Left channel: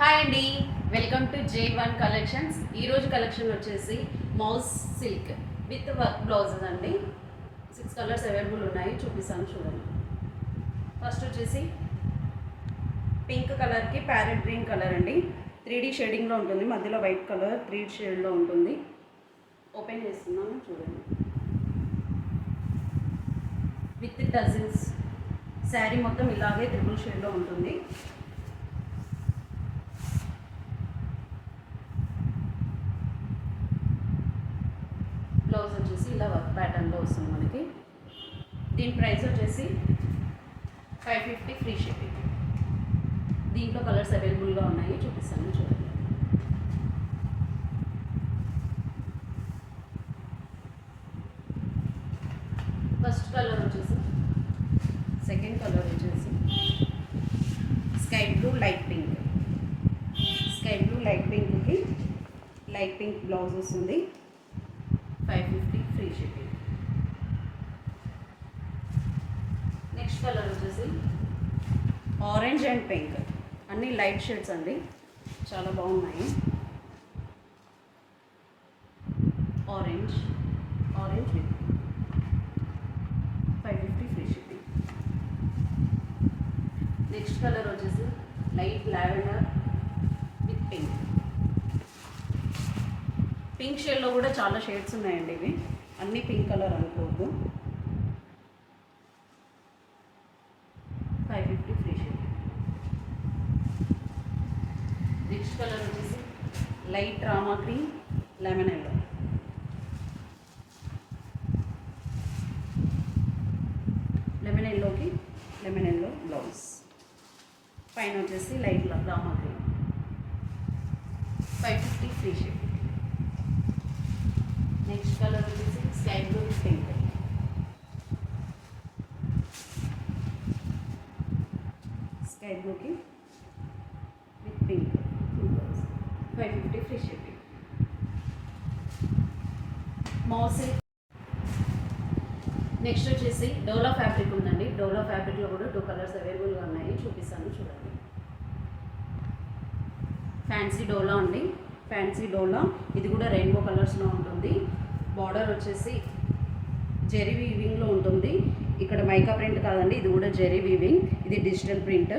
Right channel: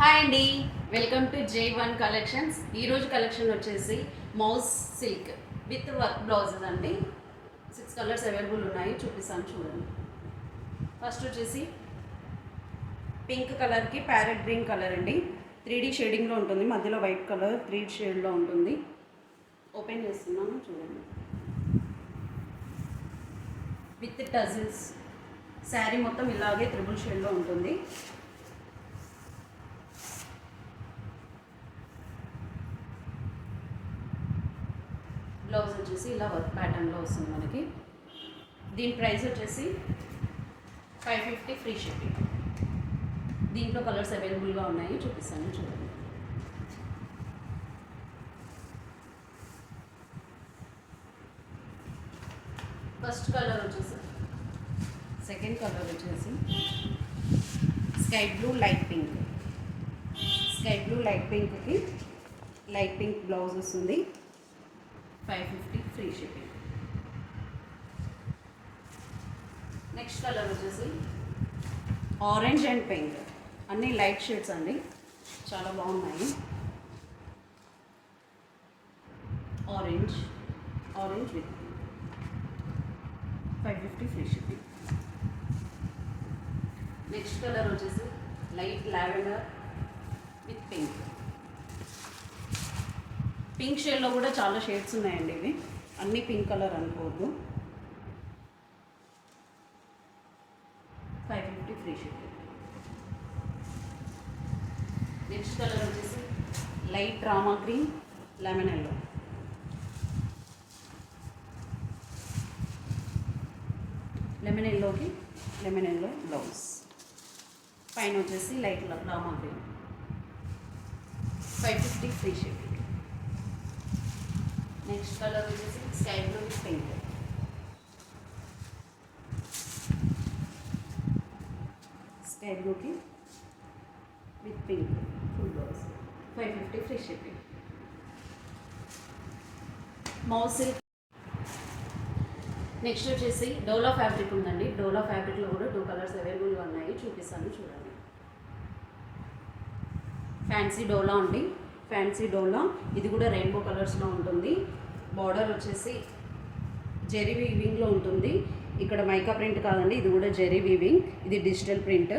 Hi అండి, welcome to J1 collections. ఈరోజు collection వచ్చేసి mouse silk with work blouses అండి. 6 కలర్స్ అవైలబుల్ ఉన్నాయి, చూపిస్తాను చూడండి. ఫస్ట్ వచ్చేసి పింక్ కలర్కి ప్యారెట్ గ్రీన్ కలర్ అండి. 3D షేడింగ్లో ఉంటుంది, మధ్యలో వైట్ కలర్ 3 షేడ్లో ఉంటుంది. ఓపెన్ చేస్తున్నాను చూడండి. విత్ టజిల్స్ శారీ మొత్తం ఇలాగే 3 షేడ్లో ఉంటుంది. బ్లౌజ్ వచ్చేసి ఇలా వర్క్ ప్యాటర్న్లో వస్తుంది మనకి. దీని ప్రైస్ వచ్చేసి 550 ఫ్రీ షిప్పింగ్. దీంట్లో కలర్స్ అవైలబుల్గా ఉన్నాయి, చూపిస్తాను చూడండి. ఫస్ట్ కలర్ వచ్చేసి, సెకండ్ కలర్ వచ్చేసి sky blue light pink. Sky blue light పింక్కి లైట్ పింక్ బ్లౌజ్ వస్తుంది. 550 ఫ్రీ షిప్పింగ్. నెక్స్ట్ కలర్ వచ్చేసి ఆరెంజ్ అండ్ పింక్, అన్నీ లైట్ షేడ్స్ అండి, చాలా బాగున్నాయి. Orange with 550 free shipping. Next colour వచ్చేసి light lavender with pink. Pink షేడ్లో కూడా చాలా షేడ్స్ ఉన్నాయండి, ఇవి అన్నీ పింక్ కలర్ అనుకోవద్దు. 550 ఫ్రీ షిప్పింగ్. నెక్స్ట్ కలర్ వచ్చేసి light Rama green lemon yellow. Lemon yellow blouse, పైన వచ్చేసి light Rama green. 550 free shipping. Next colour వచ్చేసి sky blue with pink. Sky బ్లూకి విత్ పింక్ 550 ఫ్రీ షిప్పింగ్. మౌస్ నెక్స్ట్ వచ్చేసి డోలా ఫ్యాబ్రిక్ ఉందండి. డోలా ఫ్యాబ్రిక్లో కూడా 2 కలర్స్ అవైలబుల్గా ఉన్నాయి, చూపిస్తాను చూడండి. ఫ్యాన్సీ డోలా అండి, ఫ్యాన్సీ డోలా. ఇది కూడా రెయిన్బో కలర్స్లో ఉంటుంది. బార్డర్ వచ్చేసి జెరీ వీవింగ్లో ఉంటుంది. ఇక్కడ మైకా ప్రింట్ కాదండి, ఇది కూడా జెరీ వీవింగ్, ఇది డిజిటల్ ప్రింట్.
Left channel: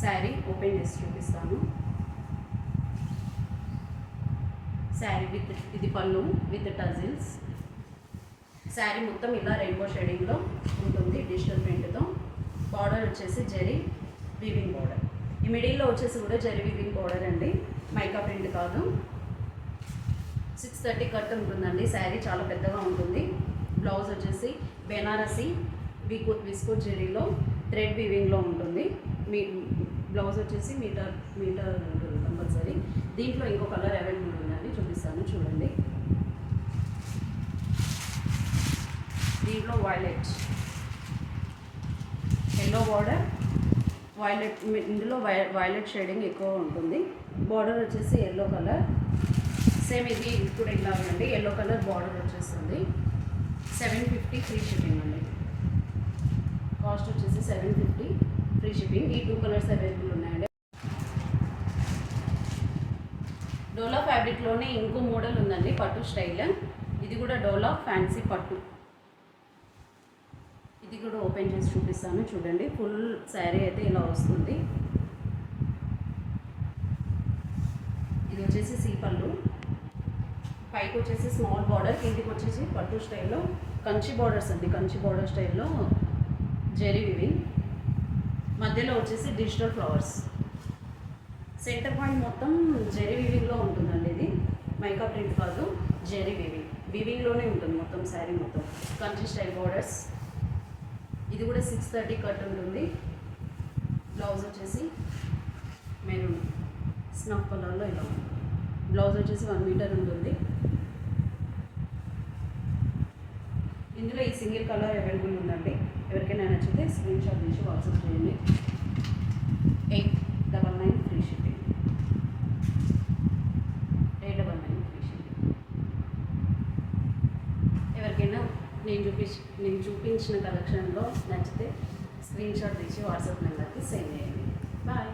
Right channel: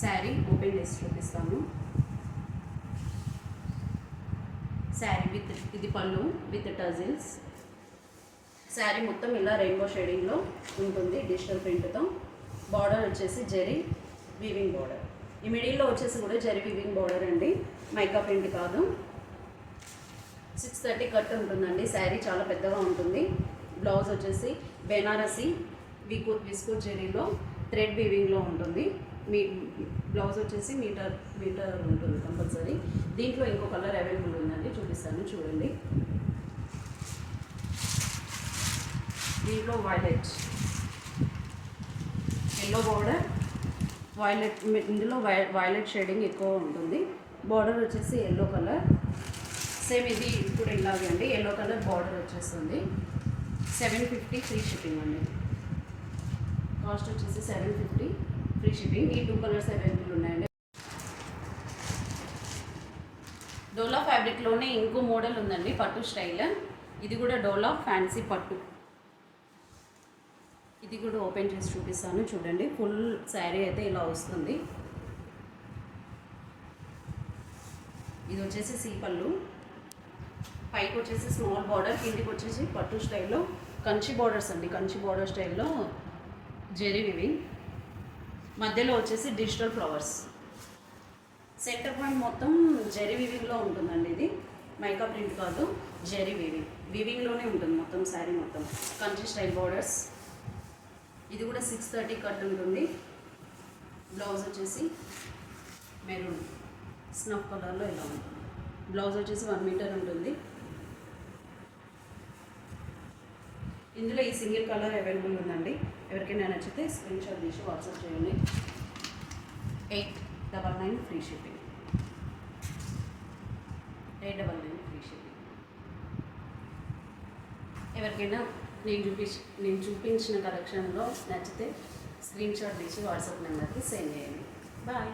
శారీ ఓపెన్ చేసి చూపిస్తాను. శారీ విత్, ఇది పళ్ళు విత్ టజిల్స్. శారీ మొత్తం ఇలా రెయిన్బో షేడింగ్లో ఉంటుంది డిజిటల్ ప్రింట్తో. బార్డర్ వచ్చేసి జెరీ వీవింగ్ బార్డర్. ఈ మిడిల్లో వచ్చేసి కూడా జెరీ వీవింగ్ బార్డర్ అండి, మైకా ప్రింట్ కాదు. 630 కట్ ఉంటుందండి. శారీ చాలా పెద్దగా ఉంటుంది. బ్లౌజ్ వచ్చేసి బెనారసి విస్కో జెరీలో థ్రెడ్ వీవింగ్లో ఉంటుంది. బ్లౌజ్ వచ్చేసి మీటర్ ఉంటుంది కంపల్సరీ. దీంట్లో ఇంకో కలర్ అవైలబుల్ ఉందండి, చూపిస్తాను చూడండి. దీంట్లో వైలెట్ ఎల్లో బార్డర్, వైలెట్, ఇందులో వైలెట్ షేడింగ్ ఎక్కువ ఉంటుంది. బార్డర్ వచ్చేసి ఎల్లో కలర్, సేమ్ ఇది కూడా ఇలాగే అండి, ఎల్లో కలర్ బార్డర్ వచ్చేస్తుంది. 750 ఫ్రీ షిప్పింగ్ అండి. కాస్ట్ వచ్చేసి 750 ఫ్రీ షిప్పింగ్. ఈ 2 కలర్స్ అవైలబుల్ ఉన్నాయండి. డోలా ఫ్యాబ్రిక్లోనే ఇంకో మోడల్ ఉందండి, పట్టు స్టైల్. ఇది కూడా డోలా ఫ్యాన్సీ పట్టు. ఇది కూడా ఓపెన్ చేసి చూపిస్తాను చూడండి. ఫుల్ శారీ అయితే ఇలా వస్తుంది. ఇది వచ్చేసి సీపళ్ళు, పైకి వచ్చేసి స్మాల్ బార్డర్, కిందికి వచ్చేసి పట్టు స్టైల్లో కంచి బార్డర్స్ అండి. కంచి బార్డర్ స్టైల్లో జెరీ వివింగ్, మధ్యలో వచ్చేసి డిజిటల్ ఫ్లవర్స్. సెంటర్ పాయింట్ మొత్తం జెరీ వివింగ్లో ఉంటుందండి. ఇది మైకా ప్రింట్ కాదు, జెరీ వివింగ్లోనే ఉంటుంది మొత్తం శారీ మొత్తం. Kanchi style borders. ఇది కూడా 630 కట్ ఉంటుంది. బ్లౌజ్ వచ్చేసి మెరూన్ స్నఫ్ కలర్లో ఇలా ఉంటుంది. బ్లౌజ్ వచ్చేసి 1 మీటర్ ఉంటుంది. ఇందులో ఈ సింగిల్ కలర్ అవైలబుల్ ఉందండి. ఎవరికైనా నచ్చితే స్క్రీన్ షాట్ తీసి వాట్సాప్ చేయండి. 899 ఫ్రీ షిప్పింగ్. 899 free shipping. ఎవరికైనా నేను చూపించిన కలెక్షన్లో నచ్చితే స్క్రీన్ షాట్ తీసి వాట్సాప్ నెంబర్కి సెండ్ చేయండి. బాయ్.